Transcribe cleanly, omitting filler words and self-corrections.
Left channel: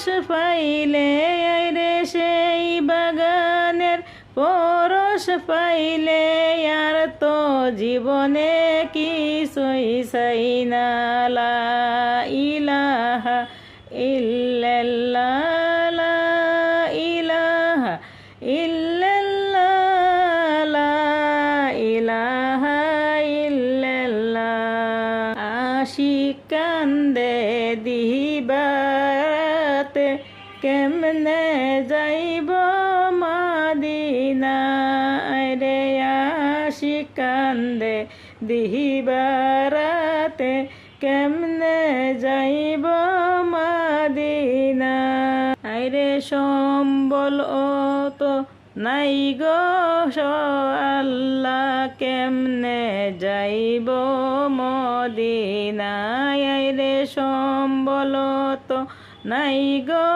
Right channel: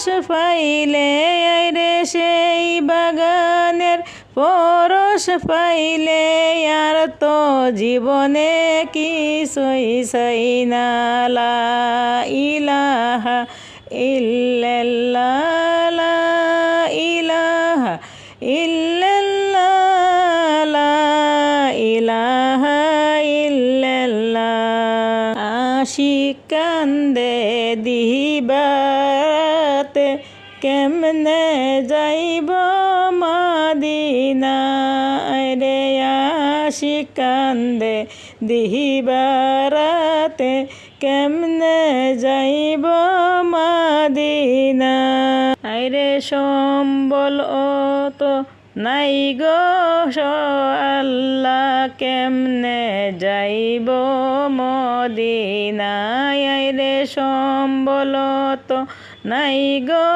পরশ পাইলে রে সেই বাগানের পরশ পাইলে আর তো জীবনে কিছুই চাই না। লা ইলাহা ইল্লাল্লাহ, লা ইলাহা ইল্লাল্লাহ, লা ইলাহা ইল্লাল্লাহ। আশিক কান্দে দিবারাতে কেমনে যাইব মদিনায় রে। আশিক কান্দে দিবারাতে কেমনে যাইব মদিনায়। আইরে সম্বল তো নাই গো আল্লাহ, কেমনে যাইব মদিনায়। আইরে সম্বল তো নাই গো